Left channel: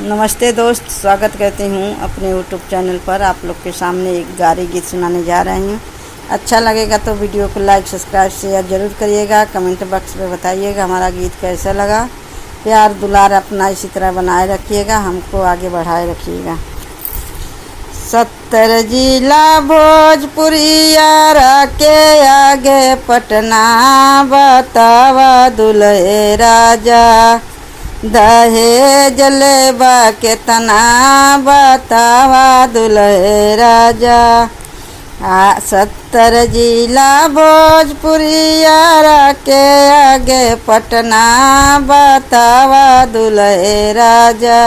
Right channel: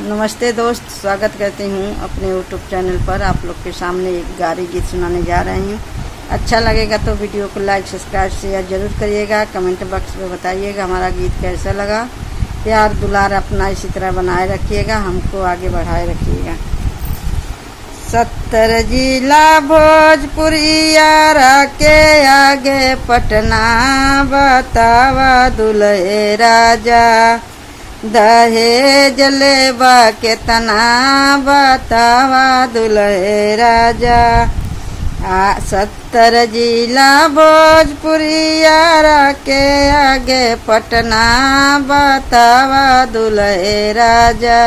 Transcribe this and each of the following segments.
नमस्ते दोस्त, स्वागत करती हूँ अपने यूट्यूब चैनल पर। आप लोग के सामने एक गारी गीत सुनाने जा रहे हैं। अच्छा लगेगा तो वीडियो को लाइक, सब्सक्राइब, शेयर जरूर करिएगा। कमेंट बॉक्स में बताइएगा हमारा गीत कैसा लगा। प्यार दुलार अपना इसी तरह बनाए रखिएगा, हमको आगे बढ़ाए रखिएगा। 70 जिला भोजपुरिया के आगे पटना, बतावा दुल्हे राजा दहेज लेबा केतना, बतावा दुल्हे राजा। 70 जिला भोजपुरिया के आगे पटना, बतावा दुल्हे राजा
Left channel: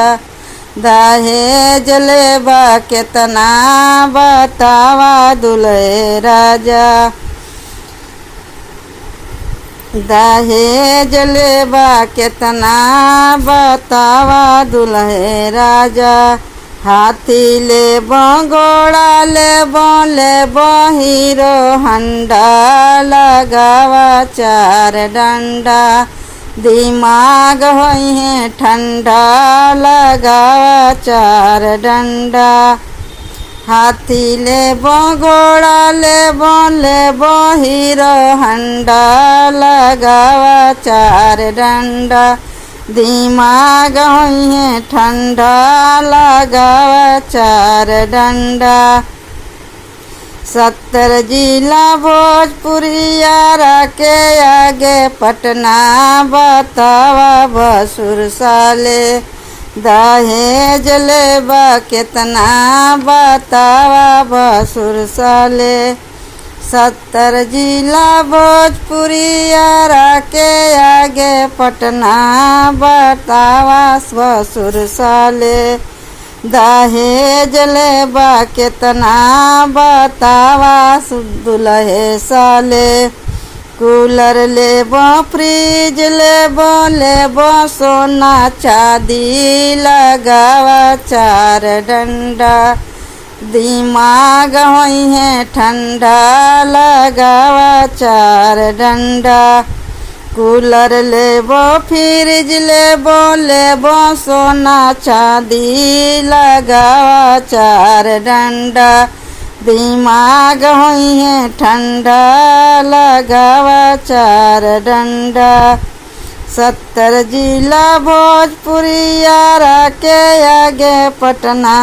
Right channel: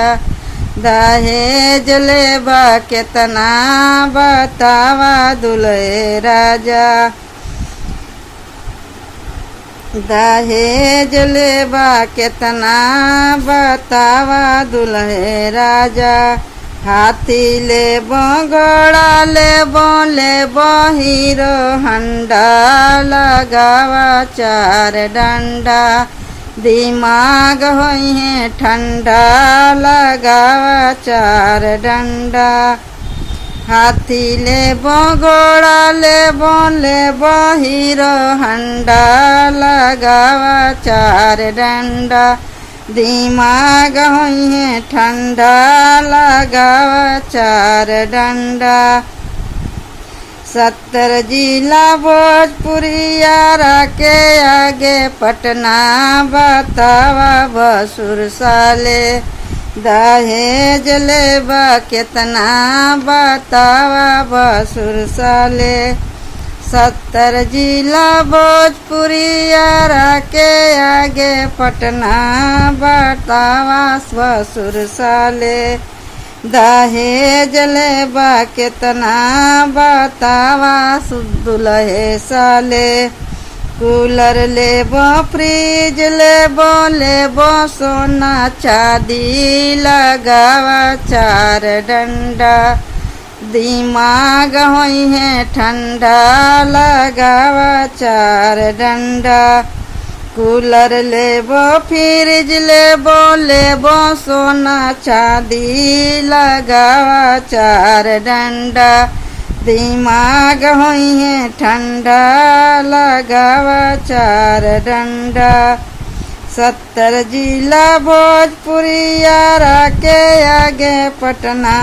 दहेज लेबा केतना, बतावा दुल्हे राजा। दहेज लेबा केतना, बतावा दुल्हे राजा। हाथी लेबो, घोड़ा लेबो हीरो हंडा, लगावा 4 डंडा, दिमाग होई है ठंडा, लगावा 4 डंडा। हाथी लेबो, घोड़ा लेबो हीरो हंडा, लगावा 4 डंडा, दिमाग होई है ठंडा, लगावा 4 डंडा। 70 जिला भोजपुरिया के आगे पटना, बतावा भसुर साले दहेज लेबा केतना, बतावा भसुर साले। 70 जिला भोजपुरिया के आगे पटना, बतावा भसुर साले दहेज लेबा केतना, बतावा दुल्हे साले। कूलर लेबो, फ्रिज लेबो सोना चांदी, लगावा 4 डंडा, दिमाग होई है ठंडा, लगावा 4 डंडा। कूलर लेबो, फ्रिज लेबो सोना चांदी, लगावा 4 डंडा, दिमाग होई है ठंडा, लगावा 4 डंडा। 70 जिला भोजपुरिया के आगे पटना,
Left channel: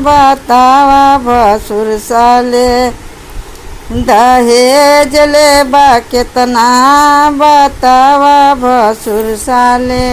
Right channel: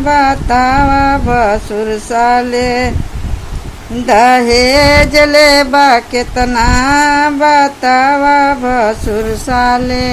बतावा भसुर साले दहेज लेबा केतना, बतावा भसुर साले।